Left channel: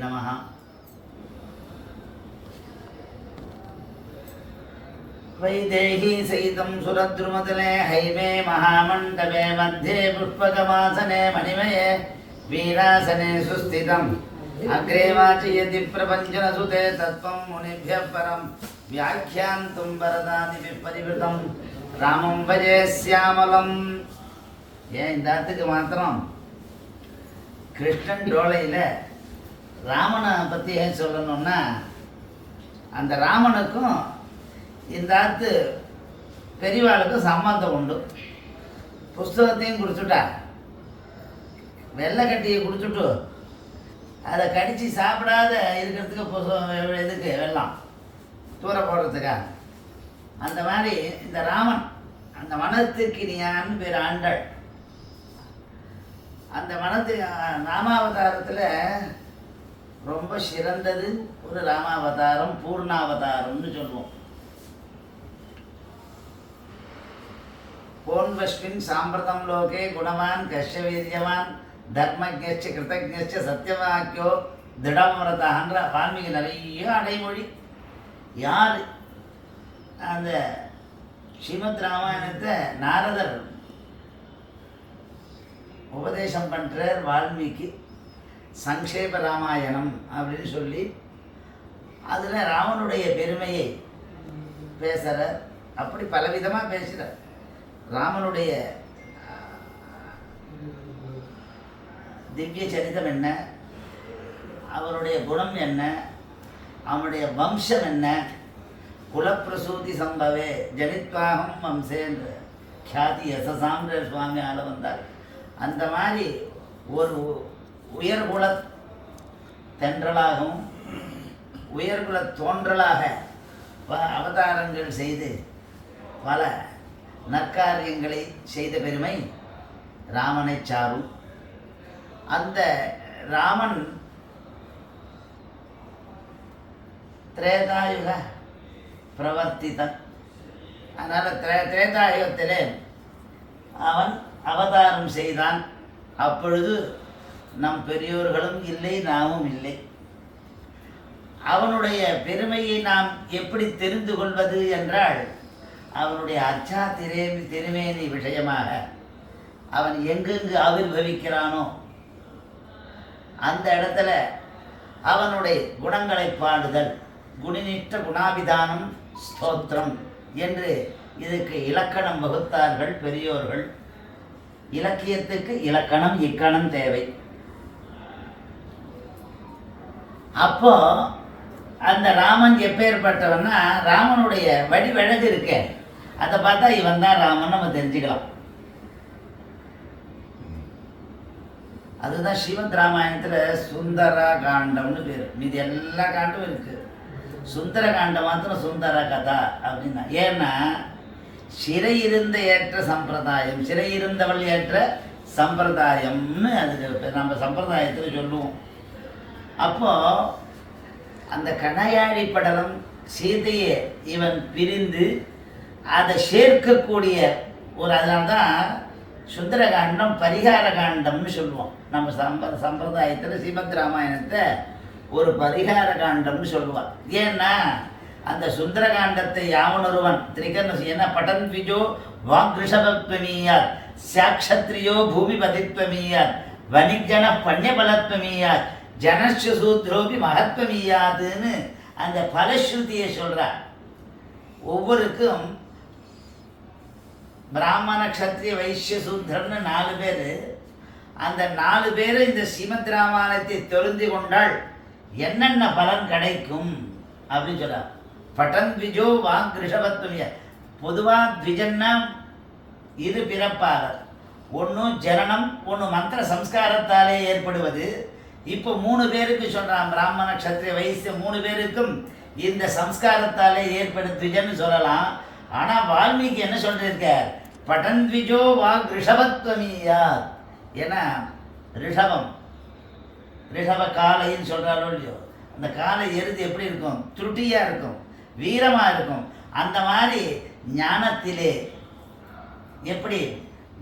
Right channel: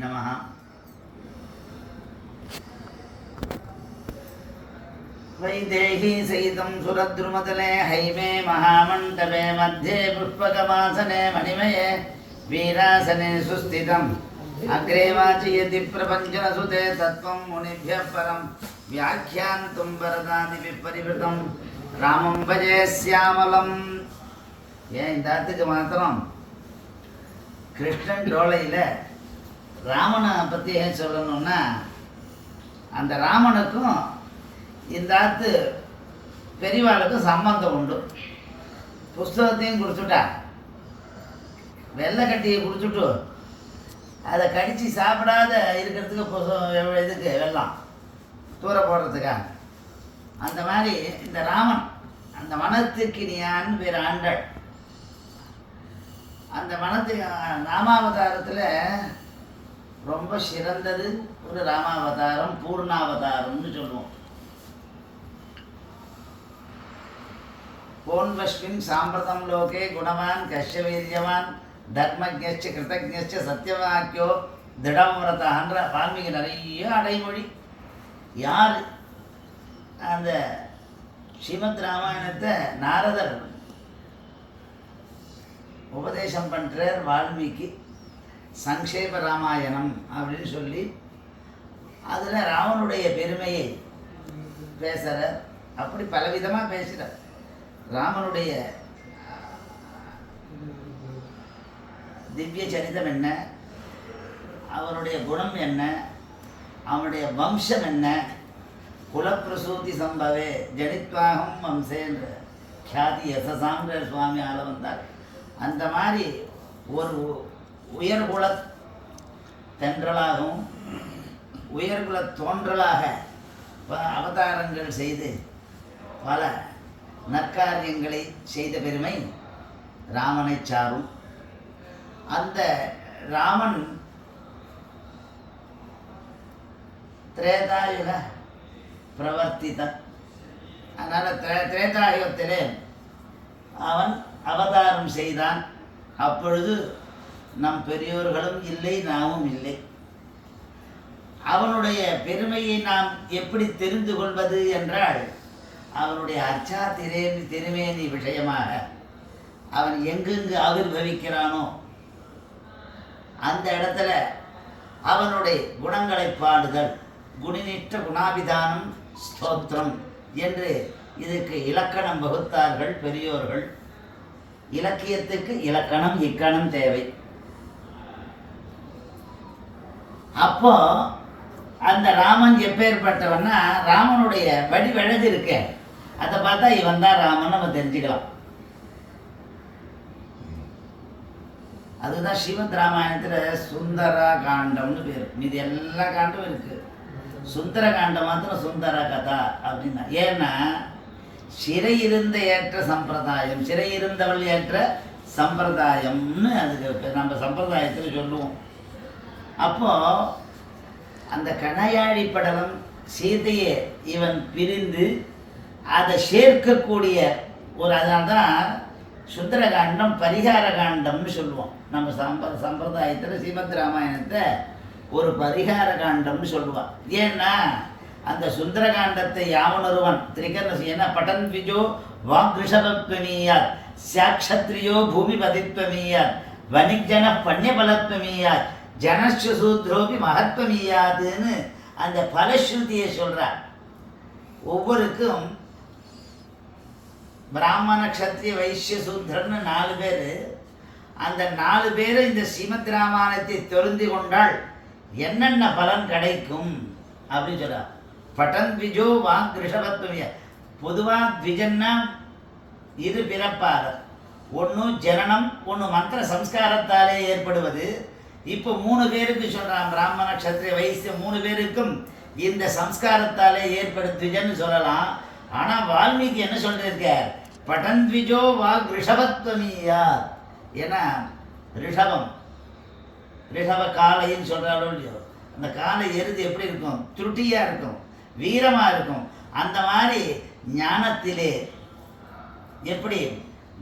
நமः. वैदेही सहितं सुरद्रुमतले हैमे महामण्डपे मध्ये पुष्पकमासने मणिमये वीरासने सुस्थितम् अग्रे वाचयति प्रपञ्चनसुते तत्त्वं मुनिभ्यः परं व्याख्यान्तुं वरदादिभिः परिवृतं रामं भजे श्यामलम्. ஏன் இந்த இடத்துக்கு மாத்திரம் கிருஷ்ணன் டோலையில் ராமனை பற்றி ஏன் சொல்லணும்னா, அந்த ராமனுக்கும் இந்த ஆத்து பெரியவாளுக்கும் சம்பந்தம் உண்டு. புஸ்தகத்தையும் குடிச்சுட்டா, வெள்ளை கட்டியை குடிச்சுட்டு அதை கடித்து சாப்பிடாத இருக்கிறதுக்கு புஸ்தகம் எதுக்கு வெள்ளம் தூர போடுறதுக்காக. அந்த மாதிரி இந்த ராமன் அந்த வனத்துக்கினியான்னு பேர் ஆண்டாள். அந்த வனத்துக்கு ராமாவதாரத்தில் ரொம்ப சிறந்தது ஒரு ராமாவதாரம், பூர்ணாவதாரம்னு சொல்லுவோம். போன்வஸ்மின் சாம்பிரதம் லோகே குணவான் கஷ்ய வீரியவான் தர்மஜ்ஞ கிருதஜ்ஞ சத்தியவாக்கியோ திடம்ரதான்ற வால்மீகி நிறைய அடைமொழி. யார் அந்த ஸ்ரீமத் ராமாயணத்தை நாரதர் உபதேசம் பண்ணுறார் வால்மீகி, சங்கேப ராமாயணம் அப்படின்னு சொல்லி அதில் ராவனுடைய பெருமையை பேசுகிறார். அப்படி பலவிதமாக பேசுகிறார். ராமனுடைய திவ்ய சரிதம் என்ன, அவருடைய குணம் என்ன, அவனுடைய வம்சம் என்ன, குலப்பிரசூதி சம்பவே ஜனித்வாகம் வம்சேன்ற கியாதி யசசான்ற சுவாமி ஆள வந்தார். அந்த மாதிரி ஒரு உயர்குல தென்றலாகவும் உயர்குல தோன்றலாக அவதாரங்கள் செய்து பல நற்காரியங்களை செய்த பெருமை ராமனை சாரும். அந்த ராமன் திரேதாயுக பிரவர்த்திதன். அதனால் திரேதாயுகத்திலே அவன் அவதாரம் செய்தான். அப்பொழுது நம் பெரியோர்களும் இல்லை, நாமும் இல்லை. அவனுடைய பெருமையை நாம் எப்படி தெரிந்து கொள்வது என்றால், அவனுடைய அச்சா திருமேனி விஷயமாக அவன் எங்கெங்கு ஆவிர்வவிக்கிறானோ அந்த இடத்துல அவனுடைய குணங்களை பாடுதல், குணிநிஷ்ட குணாபிதானம் ஸ்தோத்திரம் என்று இதுக்கு இலக்கணம் வகுத்தார்கள் பெரியோர்கள். இலக்கியத்துக்கு இலக்கணம் இக்கணம் தேவை. அப்போ அந்த ராமன் எப்பேற்பட்டவன்னா, ராமனுடைய வடிவழகு இருக்க அதை பார்த்தா இவன் தான் ராமன் நம்ம தெரிஞ்சுக்கலாம். அதுதான் ஸ்ரீமத் ராமாயணத்தில் சுந்தர காண்டம்னு பேர். மீது எல்லா காண்டும் இருக்கு. சுந்தர காண்டம் மாத்திரம் சுந்தர கதா அப்படின்னா. ஏன்னா சிறையிருந்த ஏற்ற சம்பிரதாயம், சிறையிருந்தவள் ஏற்ற சம்பிரதாயம்னு அதுக்கு நம்ம சம்பிரதாயத்தில் சொல்லுவோம். அப்போ அந்த கணையாழி படலம் சீதையை இவன் பிரிந்து அதை சேர்க்கக்கூடிய ஒரு, அதனால்தான் சுந்தர காண்டம் பரிகார காண்டம்னு சொல்லுவோம். நம்ம சம்பிரதாயத்தில் ஸ்ரீமத் ராமாயணத்தை ஒரு பரிகார காண்டம்னு சொல்லுவான். ஏன்னா அந்த சுந்தர காண்டத்தை யாவனொருவன் திரிகர்ண ஏன்னா பட்டன் விஜோ வாக்ரிஷபத்வமீயாத் சாட்சத்ரியோ பூமி பதித்வமீயாத் வணிஜன பண்யபலத்வமீயாத் ஜனஸ்ய சூத்ரோபி மகத்வமீயாதுன்னு அந்த பலஸ்ருதியை சொல்கிறார். ஒவ்வொருக்கும் பிராமண க்ஷத்ரிய வைசிய சூத்ரன்னு 4 பேர். அந்த 4 பேர் இந்த ஸ்ரீமத் ராமாயணத்தை தெரிந்து கொண்டால் என்னென்ன பலன் கிடைக்கும் அப்படின்னு சொல்கிறார். பட்டன் த்விஜோ வாங் ரிஷபத்வமிய. பொதுவாக த்விஜன்னா இரு பிறப்பாளர், ஒன்று ஜனனம், ஒன்று மந்திர சம்ஸ்காரத்தாலே ஏற்படுவது. இப்போ 3 பேருக்கு சொல்கிறான், பிராமண க்ஷத்ரிய வைசிய 3 பேருக்கும் இந்த சம்ஸ்காரத்தாலே ஏற்படுத்துஜன்னு சொல்லலாம். ஆனால் வால்மீகி என்ன சொல்லியிருக்கார், பட்டன் த்விஜோ வாங் ரிஷபத்வமியா. ஏன்னா ரிஷபம் ரிஷப காலைன்னு சொல்கிறாலோ இல்லையோ, அந்த காலை எருது எப்படி இருக்கும், துருட்டியாக இருக்கும், வீரமாக இருக்கும். அந்த மாதிரி ஞானத்திலே எப்படி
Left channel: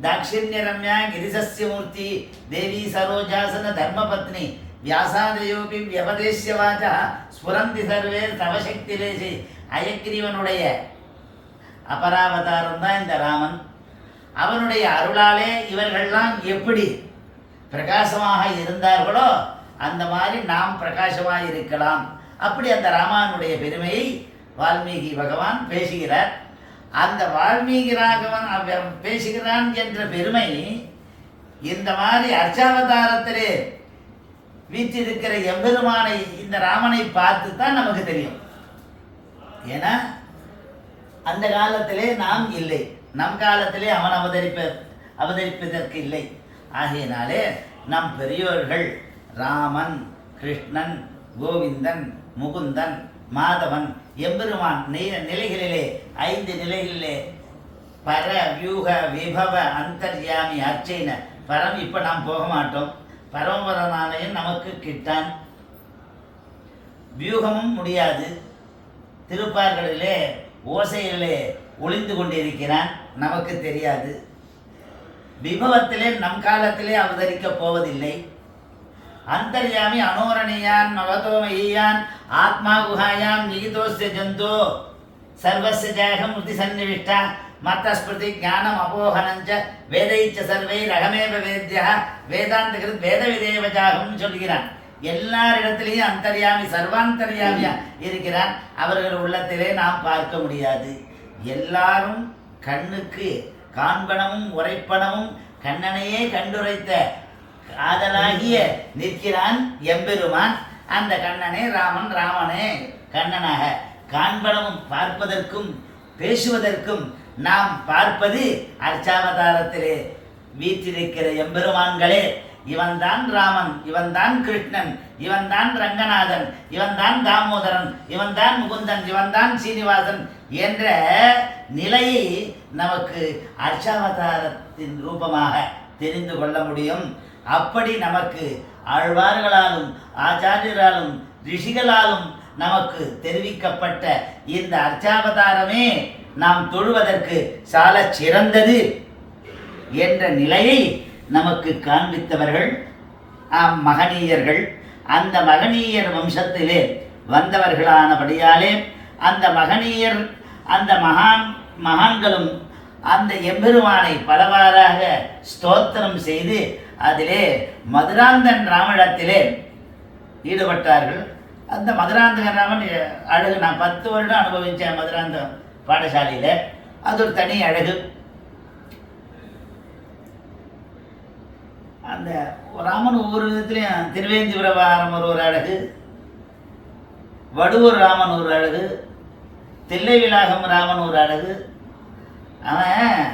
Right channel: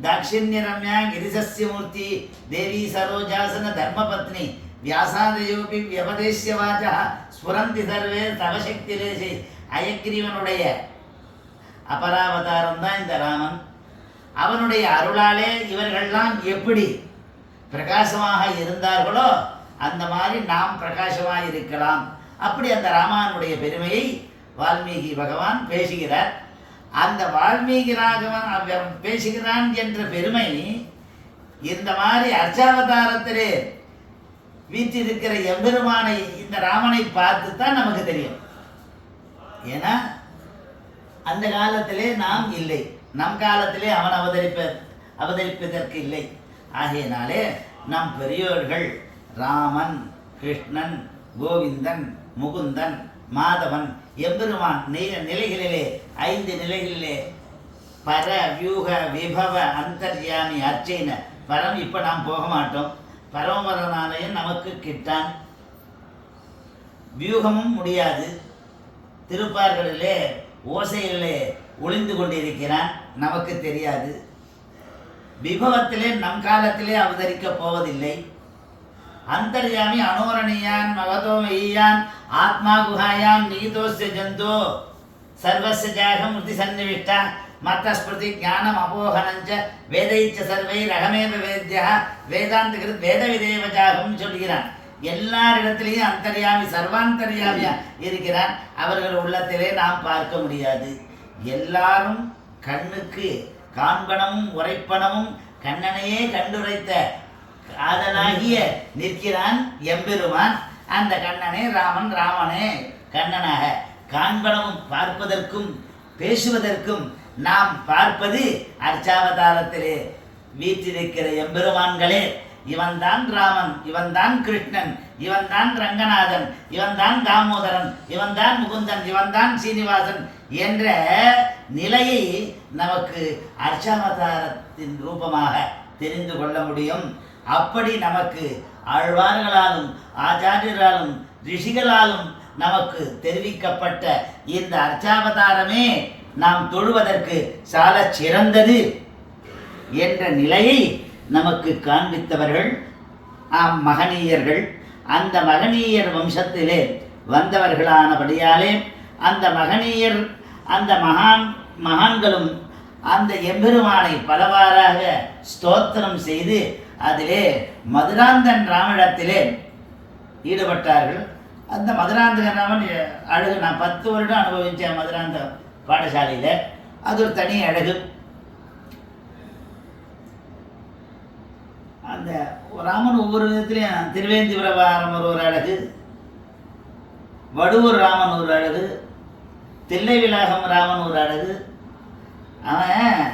தாட்சிண்ய ரம்யா கிரிசஸ்ய மூர்த்தி தேவி சரோஜாசன தர்மபத்னி வியாசாதயோபி வியபதேசிய வாச்சா ஸ்புரந்தி சர்வே தவசக்திலேசி. அயக்ரீவனுடைய அபராவதாரம் தான் இந்த ராமன். அவனுடைய அருளாலே இவர்கள்லாம் எப்படி பிரகாசமாக இருந்தார்களோ அந்த மாதிரி நாம் பிரகாசமாக இருக்கலாம். அப்படி அந்த ராமானுடைய பெருமையை வால்மீகி பகவான் பேசுகிறார். அந்த வால்மீகி ராகவன் பேசுகிறான் என்ற பெருமை இந்த மாதிரி அர்ச்சாவதாரத்திலே வீற்றிருக்கிற எம்பெருமானை இந்த ராமனை பார்த்து தான் நமக்கு தெரியும். ஏன்னா அந்த காலத்திலே நாம் இல்லை, நம் காலத்திலே அவன் அவதரிப்பதற்கு இல்லை. ஆகையினாலே நம் பெரியோர்கள் ராமன், கிருஷ்ணன், கோவிந்தன், முகுந்தன், மாதவன், எம்பெருமான் நிலைகளிலே 5 நிலைகளிலே பர, வியூக, விபவ, அந்தர்யாமி, அர்ச்சைன, பரம் இப்போ நாம் போக மாட்டோம். பரமபரனாலயம் நமக்கு கிட்டான், வியூகமும் முடியாது. திருப்பார்களிலே ஓசையிலே ஒளிந்து கொண்டிருக்கிறான், நமக்கு தெரியாது. விபவத்திலே நம் காலத்திலே அவதரிக்கப் போவதில்லை. அந்தர்யாமி அனோரணியான் மகதோமயான் ஆத்மா குஹாயாம் நிகிதோஸ்ய ஜந்தோ சர்வஸ்ய ஜாகம் முதி சன்னிவிஷ்டா மத்த ஸ்மிருதி ஞானம் அபோகனஞ்ச வேதைச்ச சர்வை ரகமேவ வேத்யா வேதாந்த கிருத் வேத விதேவ ஜாகம் சொல்கிறான். எல்லாரிடத்திலேயும் அந்தர்யாமி சர்வாந்தர்யாமியா இருக்கிறான். அவர்கள் உள்ளத்திலே நாம் பார்க்க முடியாது. எல்லாரும் கண்ணுக்கு காண்பனமும் உரைப்பனமும் கண்ணனையே கண்டுரைத்த காதலாகிய நிற்கிறான் எம்பெருமான். அந்த கண்ணனே ராமன், ராமனே கண்ணனாக. காண்பனமும் பார்ப்பதற்கும் பேசுவதற்கும் நாம் பார்ப்பது அர்ச்சாவதாரத்திலே வீற்றிருக்கிற எம்பெருமான்களே. இவன்தான் ராமன், இவன்தான் கிருஷ்ணன், இவன்தான் ரங்கநாதன், இவன்தான் தாமோதரன், இவன்தான் முகுந்தன், இவன்தான் சீனிவாசன் என்ற நிலையை நமக்கு அர்ச்சாவதாரத்தின் ரூபமாக தெரிந்து கொள்ள முடியும். அப்படி நமக்கு ஆழ்வார்களாலும் ஆச்சாரியராலும் ரிஷிகளாலும் நமக்கு தெரிவிக்கப்பட்ட இந்த அர்ச்சாவதாரமே நாம் தொழுவதற்கு சால சிறந்தது என்ற நிலையை நமக்கு காண்பித்தவர்கள் மகனீயர்கள். அந்த மகனீயர் வம்சத்திலே வந்தவர்களானபடியாலே அந்த மகனீயர் அந்த மகான்களும் அந்த எம்பெருமானை பலவாறாக ஸ்தோத்திரம் செய்து அதிலே மதுராந்தன் ராமனிடத்திலே ஈடுபட்டார்கள். அந்த மதுராந்தகன் ராமன் அழகு நான் 10 வருடம் அனுபவித்தேன் மதுராந்த பாடசாலையில். அது ஒரு தனி அழகு. அந்த ராமன் ஒவ்வொரு விதத்திலையும் திருவேந்திபுரம் ஒரு அழகு, வடுவூர் ராமன் ஒரு அழகு, தில்லை விலாகம் ராமன் ஒரு அழகு. அவன்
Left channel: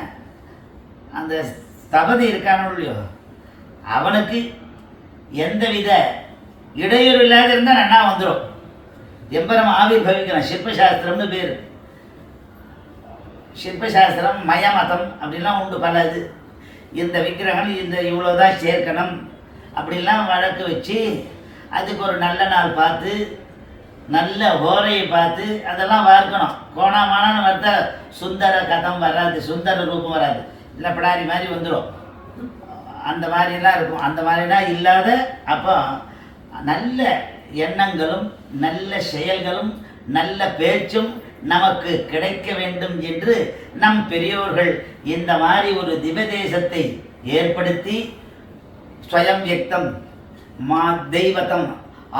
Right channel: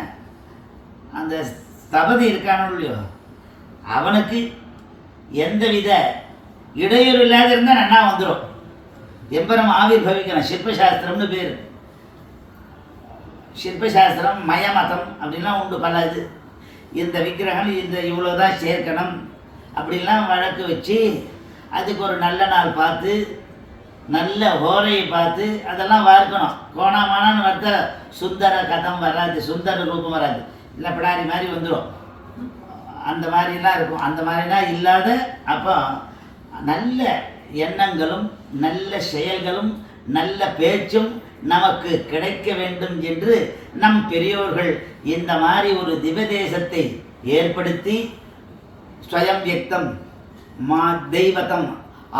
அந்த ஸ்தபதி இருக்கானோ இல்லையோ அவனுக்கு எந்தவித இடையூறு இல்லாத இருந்தால் நன்னா வந்துடும். எம்பரம் ஆவிர்பவிக்கணும். சிற்பசாஸ்திரம்னு பேர். சிற்பசாஸ்திரம் மயமதம் அப்படின்லாம் உண்டு பல. இது இந்த விக்கிரகம் இந்த இவ்வளோதான் சேர்க்கணும் அப்படிலாம் வழக்கு வச்சு அதுக்கு ஒரு நல்ல நாள் பார்த்து நல்ல ஹோரையை பார்த்து அதெல்லாம் வார்க்கணும். கோணாமானான்னு பார்த்தா சுந்தர கதம் வராது, சுந்தர ரூபம் வராது, இல்லை பிடாரி மாதிரி வந்துடும். அந்த மாதிரிலாம் இருக்கும். அந்த மாதிரிலாம் இல்லாத அப்போ நல்ல எண்ணங்களும் நல்ல செயல்களும் நல்ல பேச்சும் நமக்கு கிடைக்க வேண்டும் என்று நம் பெரியோர்கள் இந்த மாதிரி ஒரு திவதேசத்தை ஏற்படுத்தி ஸ்வயம் வியக்தம் தெய்வதம்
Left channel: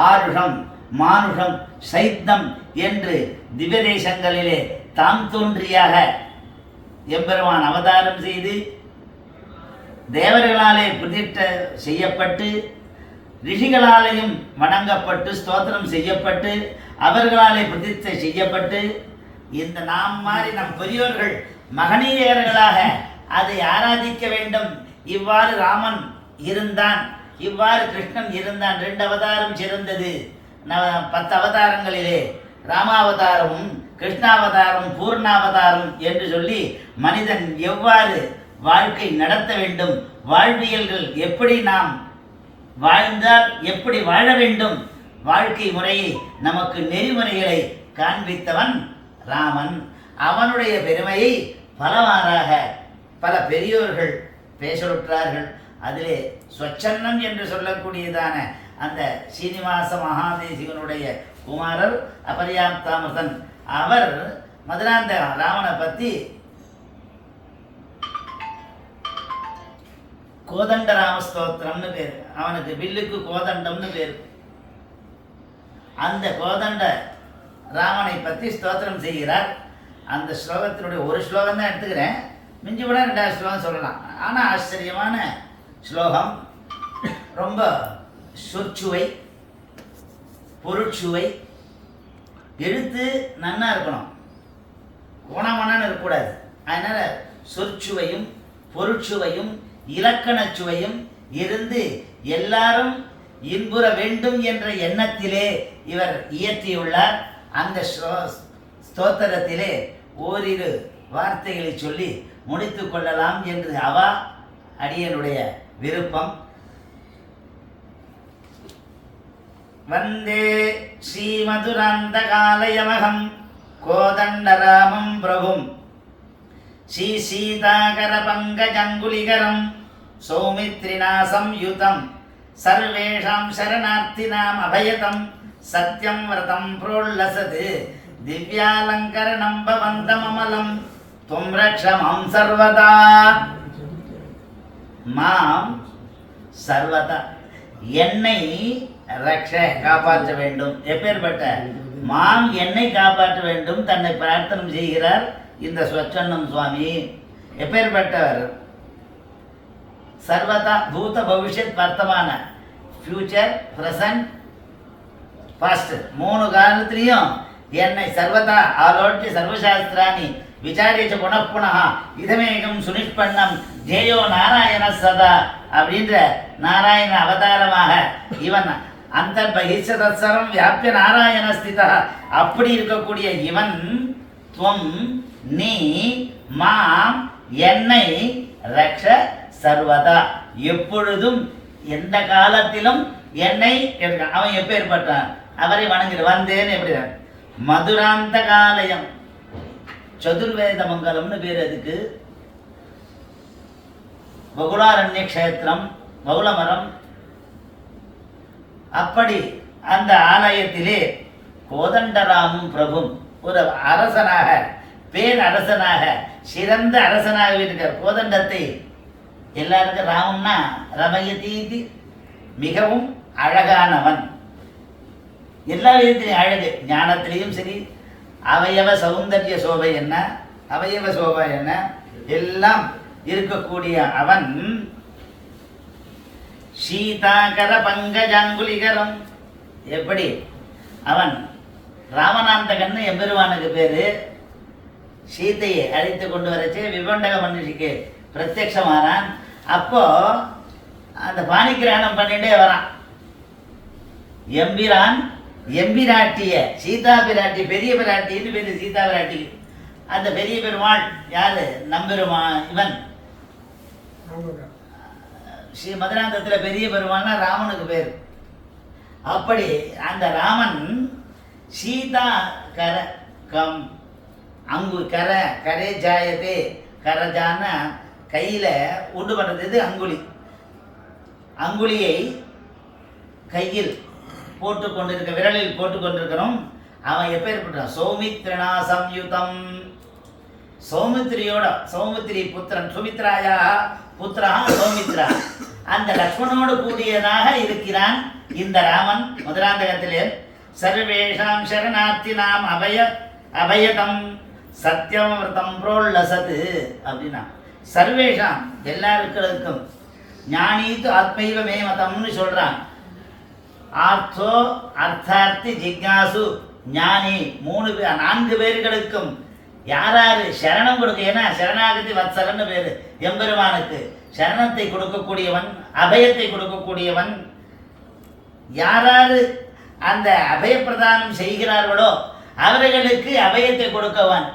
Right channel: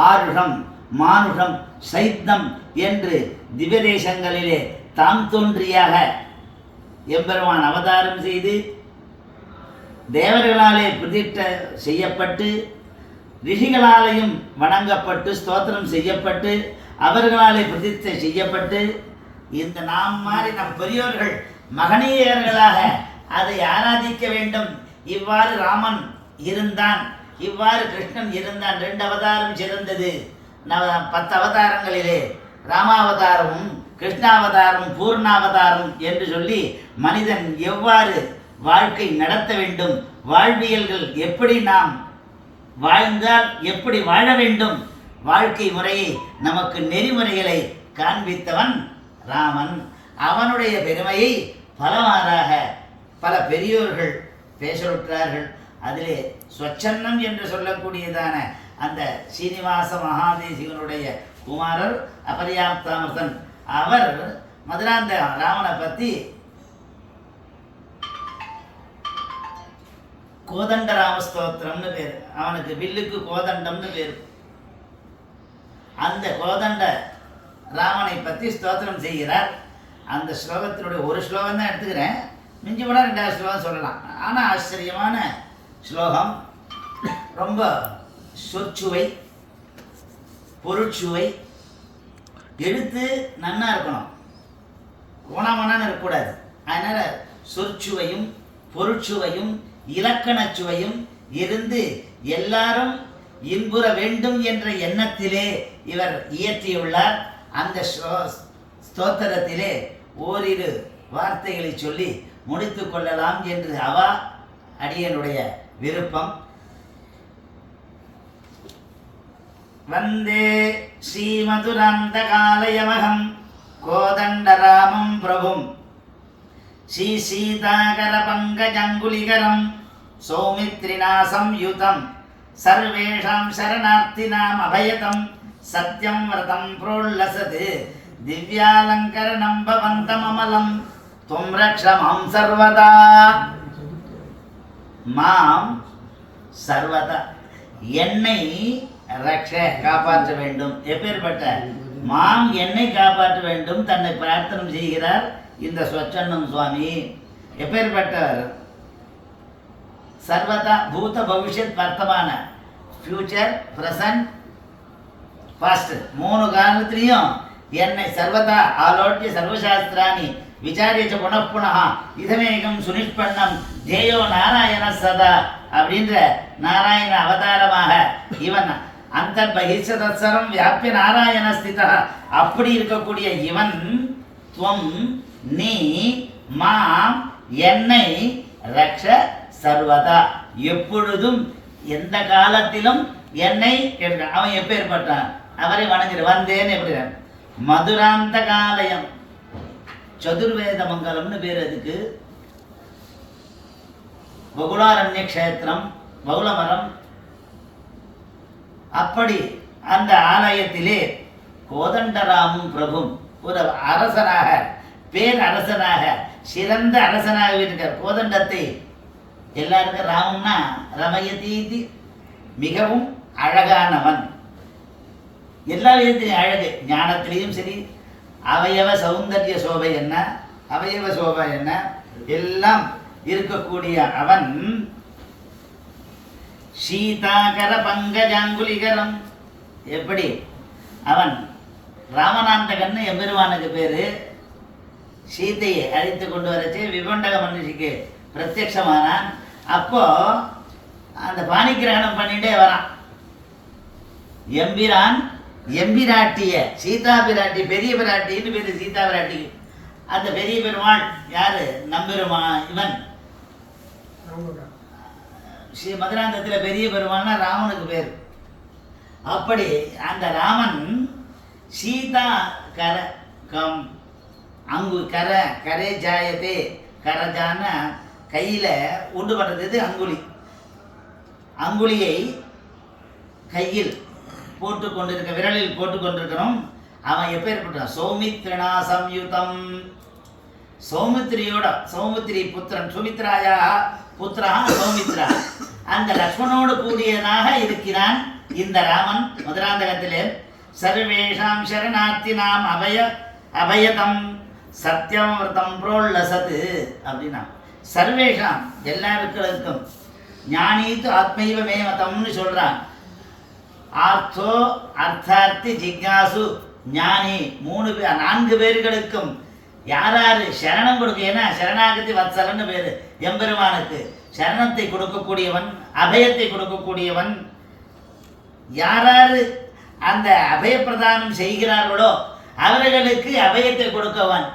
ஆருஷம் மானுஷம் சைத்தம் என்று திவதேசங்களிலே தாம் தோன்றியாக எம்பெருமான் அவதாரம் செய்து தேவர்களாலே பிரதிஷ்ட செய்யப்பட்டு ரிஷிகளாலேயும் வணங்கப்பட்டு ஸ்தோத்திரம் செய்யப்பட்டு அவர்களாலே பிரதிஷ்டை செய்யப்பட்டு இந்த நாம் மாதிரி நம் பெரியோர்கள் மகனீயர்களாக அதை ஆராதிக்க வேண்டும். இவ்வாறு ராமன் இருந்தான், இவ்வாறு கிருஷ்ணன் இருந்தான். 2 அவதாரம் சிறந்தது. 10 அவதாரங்களிலே ராமாவதாரமும் கிருஷ்ணாவதாரம் பூர்ணாவதாரம் என்று சொல்லி மனிதன் எவ்வாறு வாழ்க்கை நடத்த வேண்டும், வாழ்வியல்கள் எப்படி நாம் வாழ்ந்தால் எப்படி வாழ வேண்டும், வாழ்க்கை முறையை நமக்கு நெறிமுறைகளை காண்பித்தவன் ராமன். அவனுடைய பெருமையை பலவாறாக பல பெரியோர்கள் பேசலுற்றார்கள். அதிலே ஸ்வச்சன்னம் என்று சொல்லக்கூடியதான அந்த சீனிவாச மகாதேசிகனுடைய குமாரர் அபர்யாப்தாமிருதன். அவர் மதுராந்த ராமனை பற்றி கோதண்டராம ஸ்தோத்திரம்னு பேர். அவனுக்கு வில்லுக்கு கோதண்டம்னு பேர். அந்த கோதண்ட ராமனை பற்றி ஸ்தோத்திரம் செய்கிறார். அந்த ஸ்லோகத்தினுடைய ஒரு ஸ்லோகம் தான் எடுத்துக்கிறேன், மிஞ்சி விட 2வது ஸ்லோகம் சொல்லலாம். ஆனால் ஆச்சரியமான ஸ்லோகம், ரொம்ப சொற்சுவை, பொருட்சுவை, எழுத்து நன்னா இருக்கணும், கோணாமண்ணான்னு இருக்கக்கூடாது. அதனால் சொற்சுவையும் பொருட்சுவையும் இலக்கணச் சுவையும் இருந்து எல்லாரும் இன்புற வேண்டும் என்ற எண்ணத்திலே இவர் இயற்றியுள்ளார். அந்த ஸ்தோத்திரத்திலே ஓரிரு வார்த்தைகளை சொல்லி முடித்து கொள்ளலாம் என்று அவா அடியனுடைய விருப்பம். வந்தே ஸ்ரீமதுராந்தகாலயமகம் கோதண்டராமம் பிரபும் ஸ்ரீசீதாகர பங்கஜங்குலிகரம் சௌமித்ரிணா சம்யுதம் சர்வேஷாம் சரணார்த்தினாம் அபயதம் சத்யம் விரதம் புரோல்லசது திவ்யாலங்கரணம் பவந்தமமலம் துவம் ரக்ஷ மாம் சர்வதா. மாம் சர்வதா, என்னை ரக்ஷ காப்பாற்ற வேண்டும். எப்பேற்பட்ட மாம் என்னை காப்பாற்ற வேண்டும் தன்னை பிரார்த்தனை செய்கிறார் இந்த ஸ்வச்சன்னம் சுவாமி. எப்பேற்பட்டவர்? சர்வதா, பூத பவிஷ்யத் வர்த்தமான, ஃபியூச்சர், ப்ரெசன்ட், பாஸ்ட், 3 காலத்திலையும் என்னை சர்வதா ஆலோட்ய சர்வசாஸ்திராணி விசாரிச்ச புனః இதமேகம் சுனிஷ்பண்ணம் ஜேயோ நாராயண சதா அப்படின்ற நாராயண அவதாரமாக இவன் அந்தர்பகிஷதரம் வியாபிய நாராயண ஸ்திதா. அப்படி இருக்கக்கூடிய இவன் துவம் நீ மாம் என்னை ரக்ஷ சர்வதா, எப்பொழுதும் எந்த காலத்திலும் என்னை. அவன் எப்பேற்பட்டான்? அவரை வணங்கிடு வந்தேன்னு எப்படி? மதுராந்த காலயம், சதுர்வேத மங்கலம்னு பேர் அதுக்கு. பகுலாரண்ய கஷேத்திரம், பகுலமரம். அப்படி அந்த ஆலயத்திலே கோதண்டராமும் பிரபும் ஒரு அரசனாக, பேரரசனாக, சிறந்த அரசனாக இருக்கிற கோதண்டத்தை எல்லாருக்கும் ராமன்னா ரமயதீதி, மிகவும் அழகானவன். எல்லா விதத்திலையும் அழகு, ஞானத்திலையும் சரி, அவயவ சௌந்தர்ய சோபை என்ன, அவயவ சோபை என்ன, எல்லாம் இருக்கக்கூடிய அவன். சீதாகர பங்கஜாங்குலிகரம், எப்படி அவன் ராமநாந்தகன்னு எம்பெருமானுக்கு பேரு. சீதையை அழைத்து கொண்டு வரச்சு விபண்டக மனுஷிக்கு பிரத்யட்சமானான். அப்போ அந்த பாணிகிரகணம் பண்ணிட்டே வரான். எம்பிரான் எம்பிராட்டிய சீதா பிராட்டி, பெரிய பிராட்டின்னு பேரு சீதா பிராட்டிக்கு. அந்த பெரிய பெருமாள் யாரு? நம்பெருமா இவன் ஸ்ரீ மதுராந்தத்தில் பெரிய பெருமாள்னா ராமனுக்கு பேர். அப்படி அந்த ராமன் சீதா கர கம் அங்கு கர கரே ஜாயதே, கரஜான கையில் உண்டு பண்ணுறது அங்குலி. அங்குலியை கையில் போட்டு கொண்டிருக்க, விரலில் போட்டு கொண்டிருக்கிறோம். அவன் எப்பேற்பட்டான்? சௌமித்ரிணா சம்யுதம், சௌமித்ரியோட, சௌமித்ரி புத்திரன், சுமித்ராயா புத்திரா சௌமித்ரா, அந்த லக்ஷ்மணோடு கூடியதாக இருக்கிறான் இந்த ராமன். மதுராந்தகத்திலே சர்வேஷாம் சரணார்த்தினாம் அபயதம் சத்யம் விரதம் புரோல்லசது அப்படின்னா, சர்வேஷாம் எல்லாருக்கும், ஞானீத்து ஆத்மைவ மேமதம்னு சொல்றான். ஆர்த்தோ அர்த்தார்த்தி ஜிக்யாசு ஞானி 4 பேர்களுக்கும் யாராரு சரணம் கொடுக்க, ஏன்னா சரணாகதி வத்சலன்னு பேரு எம்பெருமானுக்கு. சரணத்தை கொடுக்கக்கூடியவன், அபயத்தை கொடுக்கக்கூடியவன். யாராரு அந்த அபயப்பிரதானம் செய்கிறார்களோ அவர்களுக்கு அபயத்தை கொடுக்கவன்.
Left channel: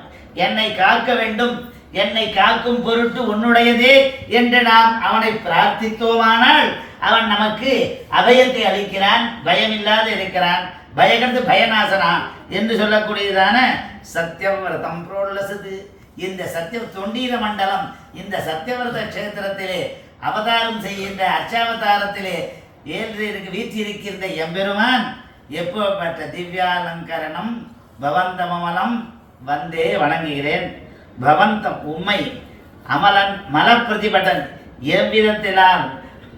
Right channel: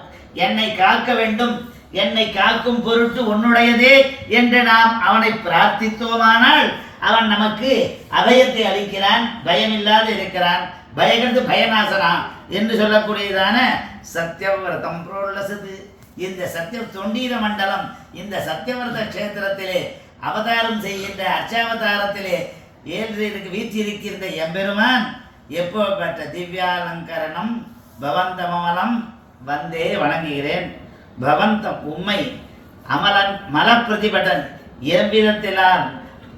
என்னை காக்க வேண்டும், என்னை காக்கும் பொருட்டு உன்னுடையதே என்று நாம் அவனை பிரார்த்தித்தோமானால் அவன் நமக்கு அபயத்தை அளிக்கிறான், பயமில்லாது இருக்கிறான். பயகந்து பயநாசனா என்று சொல்லக்கூடியதான சத்யவிரதம் புரோல்லசது. இந்த சத்திய தொண்டீர மண்டலம், இந்த சத்யவிரத கஷேத்திரத்திலே அவதாரம் செய்கின்ற அர்ச்சாவதாரத்திலே ஏழ்றைக்கு வீற்றிருக்கின்ற எம்பெருமான் எப்போப்பட்ட திவ்யாலங்கரணம் பவந்தமலம் வந்தே வணங்குகிறேன். பவந்தம் உம்மை அமலன் மலப்பிரதிபடன் எவ்விதத்திலால்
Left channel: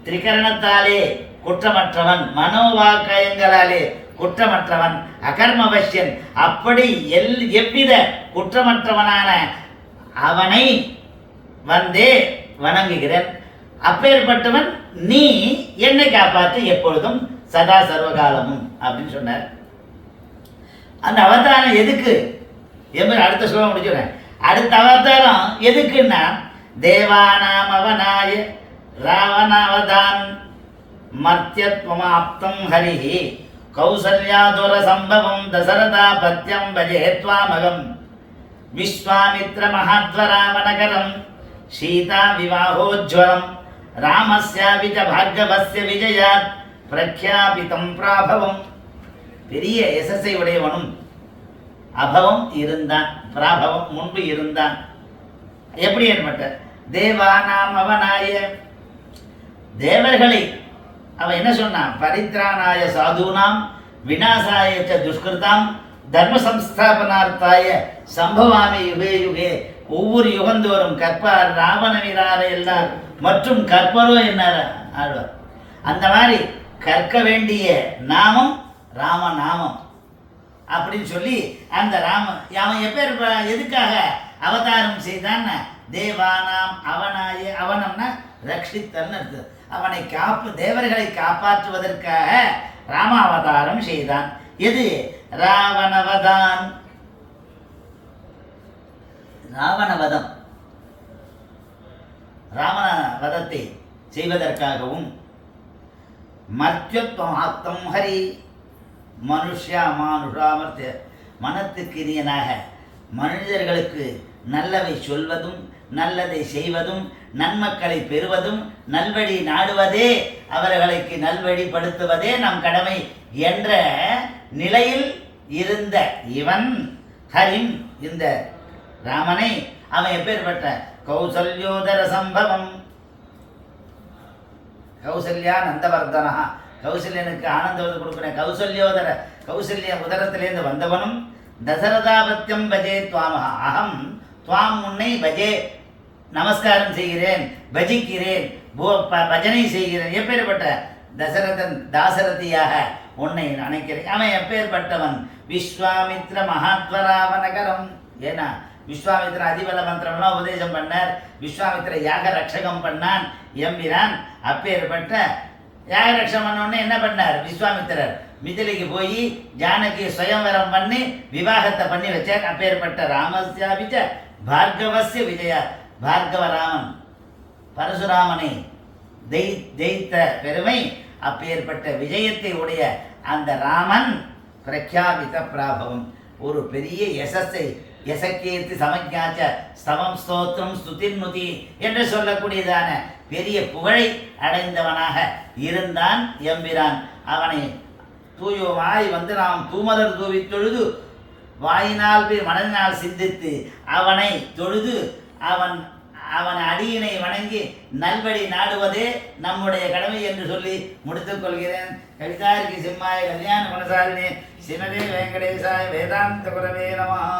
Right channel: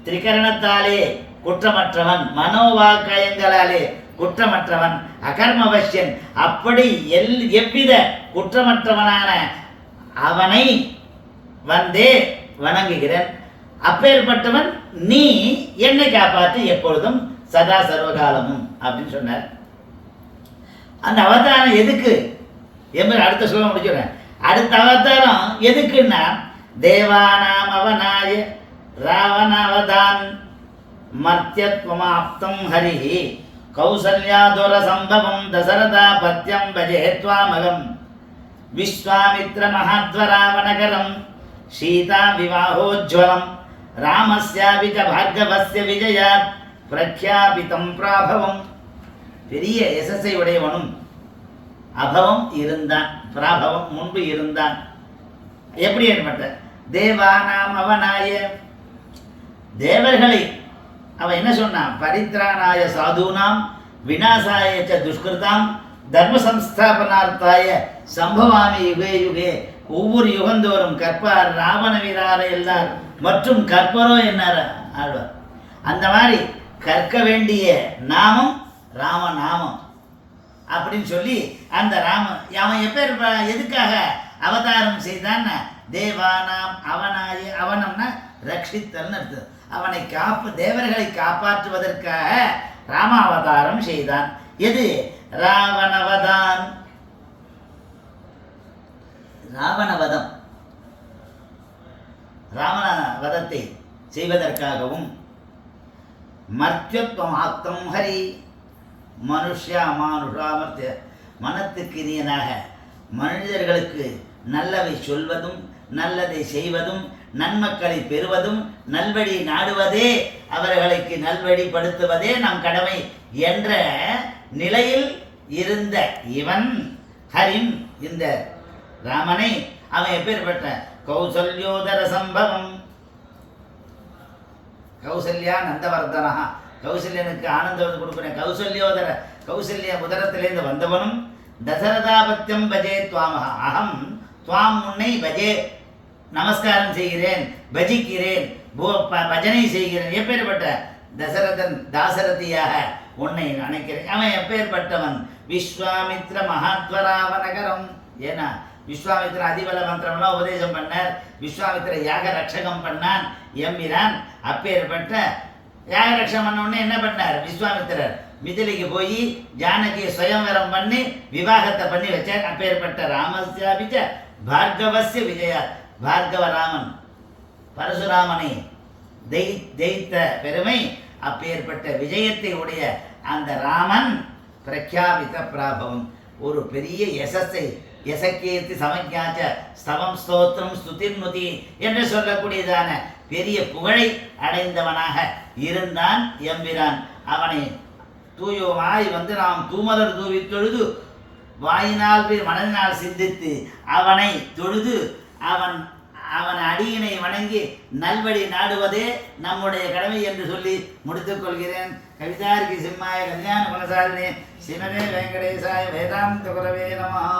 திரிகரணத்தாலே குற்றமற்றவன், மனோவாக்காயங்களாலே குற்றமற்றவன், அகர்மவசியன், அப்படி எவ்வித குற்றமற்றவனான அவனை வந்தே வணங்குகிறேன். அப்பேற்பட்டவன் நீ என்னை காப்பாற்று எப்பொழுதும் சதா சர்வகாலமும் அப்படின்னு சொன்னார். அந்த அவதாரம் எதுக்கு என்பது அடுத்த சொல்ல முடிச்சுறேன். அடுத்த அவதாரம் எதுக்குன்னா தேவானாம் அவனாய ராவணாவதான் மர்த்தியத்வமாப்தம் ஹரிஹி கௌசல்யாதுர சம்பவம் தசரதா பத்யம் பஜே த்வாமகம் விஸ்வாமித்ர மகாத்வராவணகரம் சீதா விவாஹோஜ்வலம் ராமஸ்யாபி ச பார்கவஸ்ய விஜயாத் பிரக்யாபிதம் பிராபவம். பெரிய யசஸை உடையவனும் அபவம் இருந்தான், பிராபவம் முன்பு இருந்தான். எப்படி ஏற்பட்ட தேவானாம் அவனாய தேவர்களை அவன் என்ன சொன்னான்? பரித்ராணாய சாதுனாம் விநாசாய ச துஷ்கிருதாம் தர்ம சம்ஸ்தாபனார்த்தாய சம்பவாமி யுகே யுகே. ஒவ்வொரு யுகந்தோறும் கற்பார் ராவண வீரார எல்லார் மற்றும் கற்பரோ என்னார் ஆழ்வார். அந்த மாதிரி கற்க வேண்டிய நாமம் ராமநாமம் அப்படின்னு சொல்லி அந்த அவன் எதுக்காக அவதாரம் செய்தான்? தேவானாம் அவனாய, அவனம்னா ரட்சித்தல்னு அர்த்தம். அவனை தேவர்களை காப்பாற்றுவதற்காக ராமாவதாரம் செய்தான். எது? ராவணவதான், ராவணவதம், ராவணவதத்தை செய்வதற்காகவும் மர்த்தியத்வம் ஆப்தம் ஹரி மனுஷாமர்த்திய மனத்துக்கிரியனாக மனிதர்களுக்கு நல்லவை சொல்வதும் நல்லதை செய்வதும் நன்மக்களை பெறுவதும் நல்வழி நாடுவதே அவர்களுக்கு நல்வழிப்படுத்துவதே நம் கடமை என்ற நிலையில் இருந்த இவன் ஹரிம், இந்த ராமனை அவன் எப்பேற்பட்ட கௌசல்யோதர சம்பவம், கௌசல்யா நந்தவர்தனா, கௌசல்யனுக்கு ஆனந்தம் கொடுக்கிறேன். கௌசல்யோதர, கௌசல்ய உதரத்திலேருந்து வந்தவனும் தசரதாபத்தியம் பஜே துவாமஹா, அகம் துவாம் உன்னை பஜே நமஸ்காரம் செய்கிறேன், பஜிக்கிறேன், பஜனை செய்கிறேன். எப்பேற்பட்ட தசரதன் தாசரதியாக உன்னை நினைக்கிறேன். அவன் எப்பேற்பட்டவன்? விஸ்வாமித்ர மகாத்வராவணகரம். ஏன்னா விஸ்வாமித்திர அதிபல மந்திரம்லாம் உபதேசம் பண்ணார். விஸ்வாமித்திர யாக ரட்சகம் பண்ணான் எம்பிரான். அப்பேற்பட்ட யாக ரட்சகம் பண்ண உடனே என்ன பண்ணார்? விஸ்வாமித்திரர் மிதிலைக்கு போய் ஜானகி சுயம்வரம் பண்ணி விவாகத்தை பண்ணி வச்சார். அப்பேற்பட்ட ராமஸ்யாபிச்ச பார்கவஸ்ய விஜயா, பார்கவராமன் பரசுராமனை ஜெயித்த பெருமை. அப்பேற்பட்ட விஜயத்தை உடைய அந்த ராமன் பிரக்யாபித பிராபவம், ஒரு பெரிய யசஸை, யசக்கீர்த்தி சமஜாச்ச ஸ்தவம் ஸ்தோத்திரம் ஸ்துதிர்நுதி என்று சொல்லக்கூடியதான பெரிய புகழை அடைந்தவனாக இருந்தான் எம்பிரான். அவனை தூயவாய் நாம் தூமலர் தூவி தொழுது வாயினால் மனதினால் சிந்தித்து அவனை தொழுது அவன் அடியினை வணங்கி நல்வழி நாடுவதே நம்முடைய கடமை என்று சொல்லி முடித்துக் கொள்கிறேன். கவிதாரிக்கு சிம்மாய கல்யாண குணசாலினி ஸ்ரீமதே வெங்கடேசாய வேதாந்த குரவே நமஹ.